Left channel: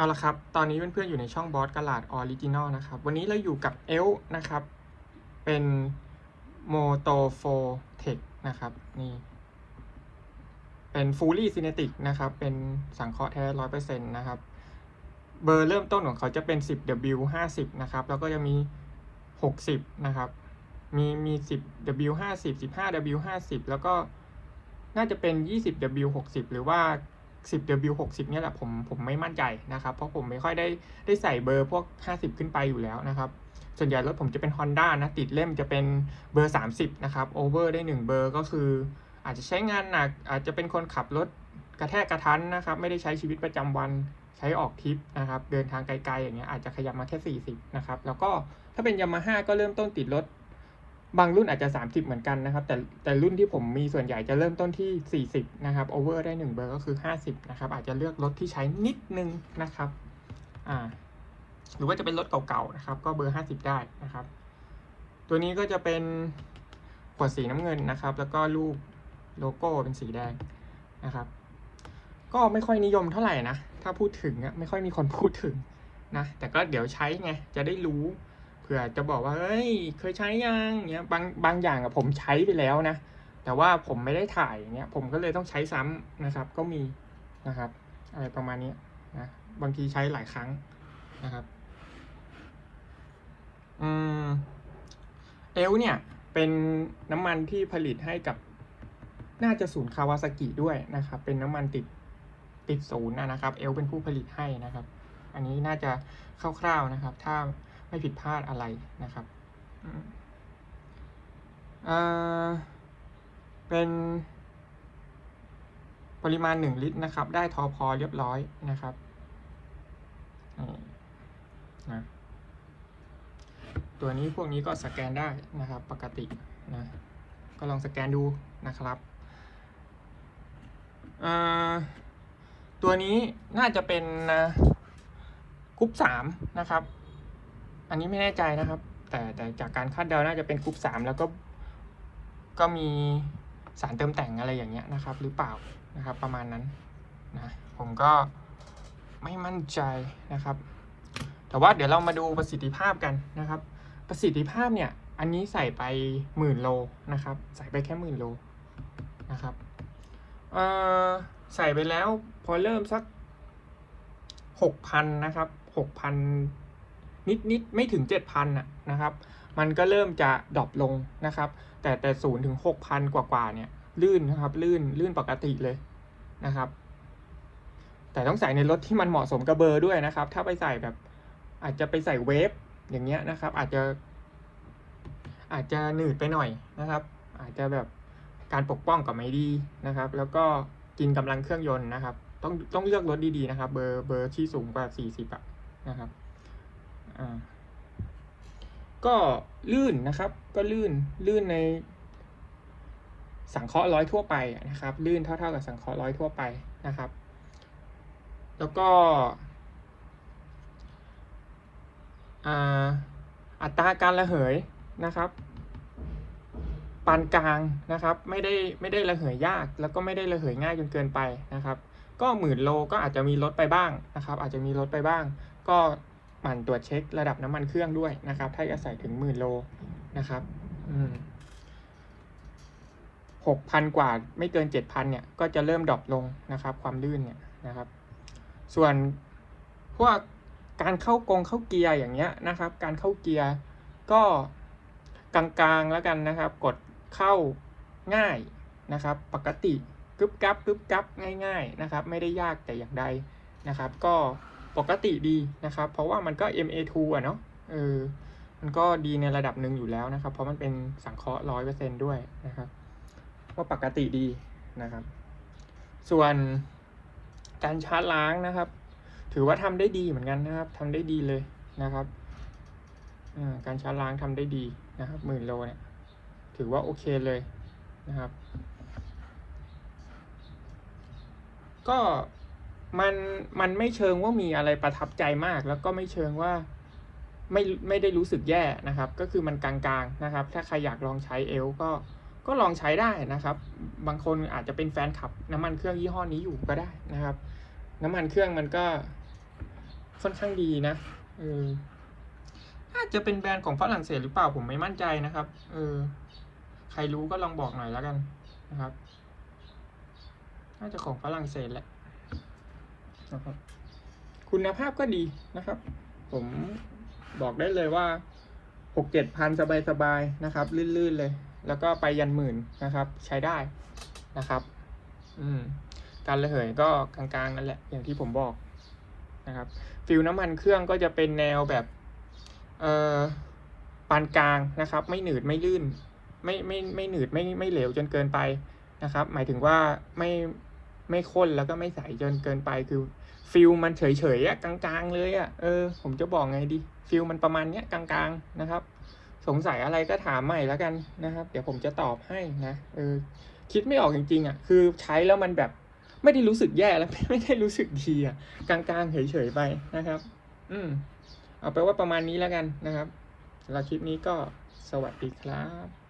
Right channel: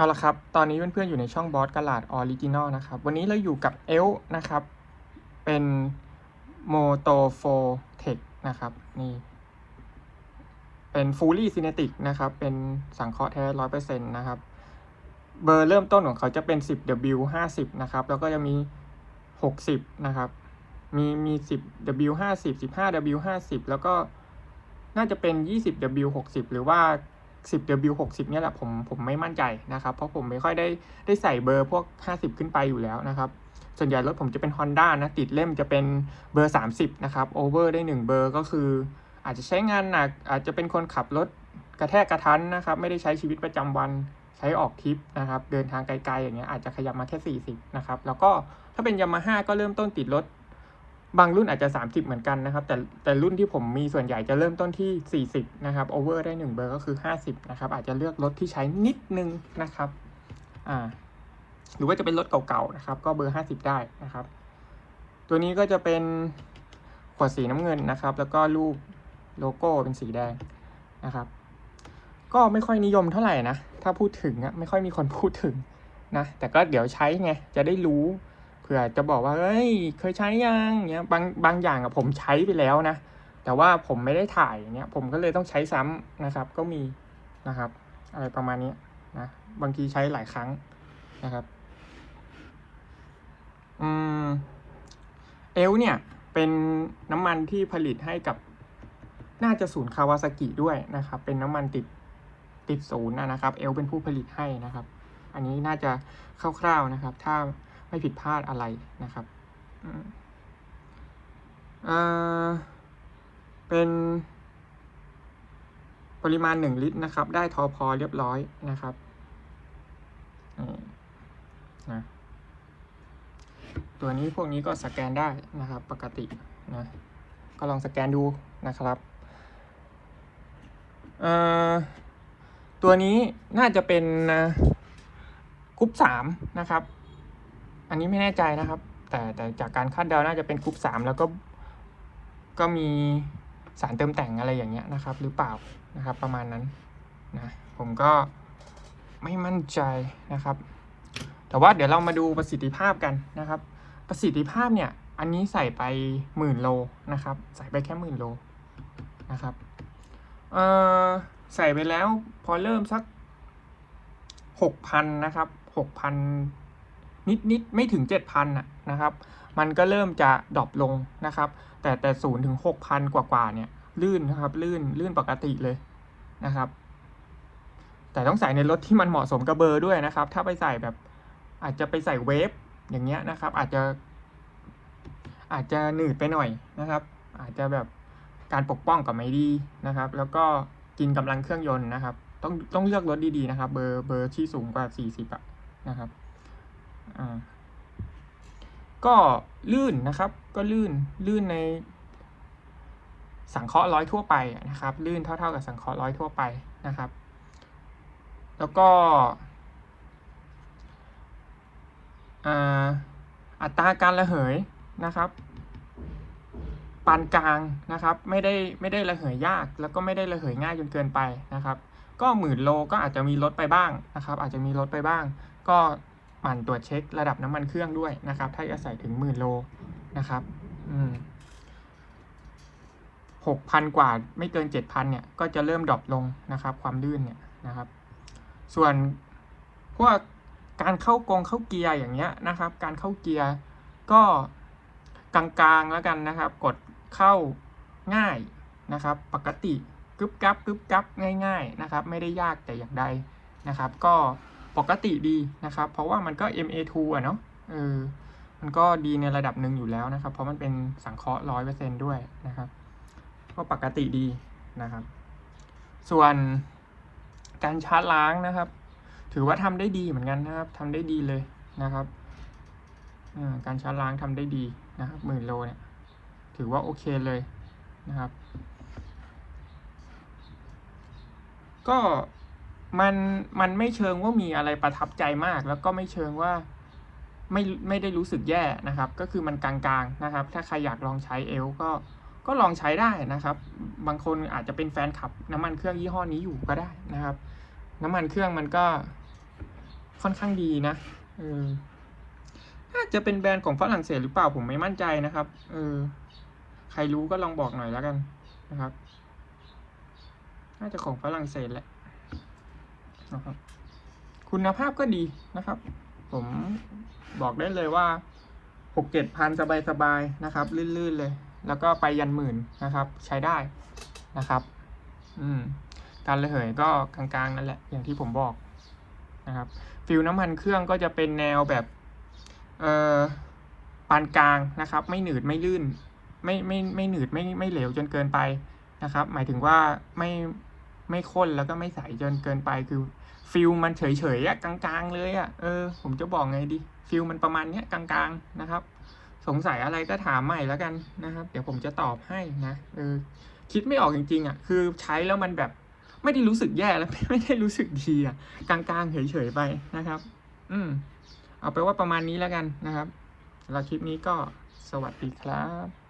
เอาละครับ ตอนนี้เพื่อนๆอยู่ในช่องบอสกลาดออริจินอลนะครับ วันนี้เราอยู่กับเอลนะครับ เป็นโมโตโฟเทคนะครับ นี่ เป็นฟูลี่ซินติกนะครับ เป็นสังเคราะห์แท้ร้อยเปอร์เซ็นต์นะครับ เบอร์เริ่มต้นของเขาจะเป็น 10W 50 นะครับ แล้วก็จะมี 60 นะครับ มีมี 10W 50 15W 50 แล้วก็น่าจะเป็น 20W 60 หรือว่า 10W 60เนี่ยแหละผมผมไม่มั่นใจนะครับ เพราะผมไม่ค่อยได้ได้ใส่เบอร์พวก 50 ขึ้นไปอยู่แล้วนะครับ ส่วนใหญ่รถผมจะเป็น Honda นะติดเล่มจะเป็นเบอร์ 30 นะครับโอเวอร์ได้ 1 เบอร์ก็คือ อาจจะใช้งานหนัก อาจจะเป็นคนขับรถกระแทกกระทันนะครับ ไม่ได้ใช้ชีวิตประจำวันใช้ออกทริปนะครับ เดินทางไกลๆอย่างเงี้ยอาจจะขยับมาแค่ 40 นะครับ แล้วก็ถ้าเป็นยามาฮ่าก็เริ่มต้นติดรถ บางรุ่นอาจจะ 30 เหมือนกันนะครับ แต่แต่รุ่นที่ผมมีส่วนใหญ่จะเริ่มต้นที่ 40 นะครับโอเวอร์ได้ 1 เบอร์ก็คือ 50 นะครับ อาจจะเลือกรถที่ใช้นิดนึงนะครับอ่าหรือว่าจะเป็นรถเก่าๆนะครับ ก็เบอร์ 50 ได้นะครับ ตัวนี้ก็จะเป็นขวดสีน้ำเงินนะครับ แล้วก็รูปโลโก้เป็นสีแดงนะครับ ก็ไม่ค่อยนิยมเท่าไหร่นะ ถ้าพูดถึงอะไม่ค่อยมีคนพูดถึงนะ แต่ก็เดี๋ยวใช้ไงจะได้รู้ ผื่อจะบอกว่าเอ้ยเคยใช้ยังเงี้ยบางบางอย่างอะผมใช้ไปแล้วนะ แต่ว่าผมไม่ได้ถ่ายอย่างเงี้ยผมก็เลยต้องใช้ซ้ำนะครับ ก็มีนะครับอะไรประมาณนี้นะบางทีใช้หลายครั้งนะครับอืมเอลเนี่ยเป็นน้ำมันที่ผลิตให้กับน่าจะศูนย์คาวาซากิด้วยนะครับ เป็นน้ำมันติดติดศูนย์นะครับ เอลเป็นผู้ผลิตให้นะครับ อันนี้น่าจะคร่าวๆนะครับ ถ้า ไม่ผิดพลาดอะไรนะครับอ่าเป็น ปริมาณหนึ่งลิตรนะครับ ได้ทอพอเรียบร้อยนะครับนี่นะตัวนี้พวกนี้ก็สแกนได้นะครับ ปกตินะก็ลองสแกนดูนะครับอ่อตัวนี้น่าจะเป็นกรุ๊ปสามนะครับ อันนี้ไม่แน่ใจนะครับ แต่แต่จากการคาดเดาน่าจะเป็นกรุ๊ปสามแล้วก็ ก็มีสารเติมแต่งอะไรอย่างเงี้ยนะครับ หรือเปล่านะครับ ประมาณนั้นนะผมก็ไม่มั่นใจนะครับ แต่ว่าเดี๋ยวเรามาดูประสิทธิภาพกันนะครับ ประสิทธิภาพเนี่ย อันนี้ใส่ไปหมื่นโลนะครับ ใส่ไปแค่หมื่นโลนะครับเอ่อใส่ไปแล้วพอเริ่มสักหกพันนะครับหกพัน นิดนิดไม่ถึงเจ็ดพันนะครับ มันก็เริ่มจะดรอปลงนะครับ แต่แต่ศูนย์ถึงหกพันกว่ากว่าเนี่ยลื่นนะครับลื่นลื่นปกติเลยนะครับ แต่ต้องใส่ในรถที่มันเหมาะสมกับเบอร์ด้วยนะครับ ถ้าไปใส่แบบอาจจะไปใส่เวฟอย่างเงี้ยนะครับ อาจจะ อาจจะหนืดไปหน่อยนะครับ อาจจะแบบการปกป้องกับไม่ดีนะครับ แล้วก็กินกำลังเครื่องยนต์นะครับ ต้องต้องเลือกรถดีๆนะครับ เบอร์เบอร์ที่สูงกว่าสี่สิบอะนะครับ ก็ลื่นนะครับ ก็ลื่นลื่นใน สังเคราะห์ร้อยทั่วไปนะครับ ลื่นเท่า ๆ กับสังเคราะห์ร้อยทั่วไปนะครับ แล้วก็อัตราการระเหยนะครับปานกลางนะครับ ไม่ได้ไม่ได้ระเหยยากแล้วก็ไม่ได้ระเหยง่ายจนเกินไปนะครับ ก็หมื่นโลก็อาจจะมีลดไปบ้างนะครับ อาจจะมีลดไปบ้าง ก็ หมั่นตรวจเช็คระดับน้ำมันเครื่องด้วยนะครับ ถ้าจะใส่ถึงหมื่นโลนะครับหกพันกว่าไม่เกินเจ็ดพันเนี่ย ก็จะเริ่มดรอปลงนะครับ ความลื่นเนี่ยนะครับ ส่วนพวกการเข้ากงเข้าเกียร์อย่างเงี้ยนะครับ การเข้าเกียร์ก็กลางๆแล้วกันนะครับ กดเข้าง่ายนะครับ ปกติกึบกับกึบกับง่าย ๆนะครับ ไม่ได้ยากแต่อย่างใดนะครับ ก็ ปกติดีนะครับ เพราะว่ามันก็ MA2 อะเนาะเออมันก็ดีในระดับหนึ่งอยู่แล้วนะครับ เพราะมันเป็นสังเคราะห์ร้อยเปอร์เซนด้วยนะครับ ก็ปกติดีนะครับ ส่วนการชาร์จล้างนะครับ ถือว่าทำได้ดีเหมือนกันนะครับทำได้ดีเลยนะครับการชาร์จล้างทำได้ดีนะครับหมื่นโลเนี่ย ถือว่าโอเคเลยนะครับ ก็ มันมันไม่เชิงว่ามีอะไรประทับใจมาก แล้วก็ไม่เชิงว่าไม่ไม่ได้รู้สึกแย่นะครับ ก็คือมันกลางๆนะครับ ถ้าใครอยากลองใช้เอลก็ก็ลองใช้ได้นะครับ บางคนอาจจะเป็นแฟนขับ น้ำมันเครื่องยี่ห้อนี้อยู่ก็ได้นะครับ น้ำมันเครื่องมันก็ค่อนข้างดีนะเออน่าจะเป็นแบรนด์ของฝรั่งเศสหรือเปล่าผมไม่มั่นใจนะครับ เออ ใครรู้ก็ลองบอกหน่อยแล้วกันนะครับ น่าจะของฝรั่งเศสแหละ นะครับ คุณภาพก็ดีนะครับ ผมบอกได้เลยว่าหกเจ็ดพันสบายๆนะครับ ลื่นๆเลย แล้วก็ไปยันหมื่นนะครับ ใช้ได้นะครับ อืมการระเหยก็กลางๆนั่นแหละ อย่างที่ผมบอกนะครับ ฟิลน้ำมันเครื่องก็จะเป็นแนวแบบเอ่อปานกลางนะครับ ไม่หนืดไม่ลื่น ไม่ไม่ไม่หนืดไม่ไม่เหลวจนเกินไปนะครับ หมายถึงว่าไม่ไม่ข้นแล้วก็ไม่ใสจนเกินไปคือ ฟิลมันเฉยๆอะกลางๆ เลยอะเออผมจะบอกไงดีฟิลมันประมาณเนี้ยกลางๆนะครับ สงสัยอะไรก็ถามใหม่แล้วกันนะครับ เดี๋ยวผมจะตอบให้นะเออคิดไม่ออกจริงๆอะคือใช้แล้วมันแบบไม่ได้รู้สึกแย่แล้วไม่ได้รู้สึกดีอะกลางๆเฉยๆไปนะครับ อืมเอาไปว่าประมาณนี้แล้วกันนะครับสำหรับคลิปนี้ก็สวัสดีครับ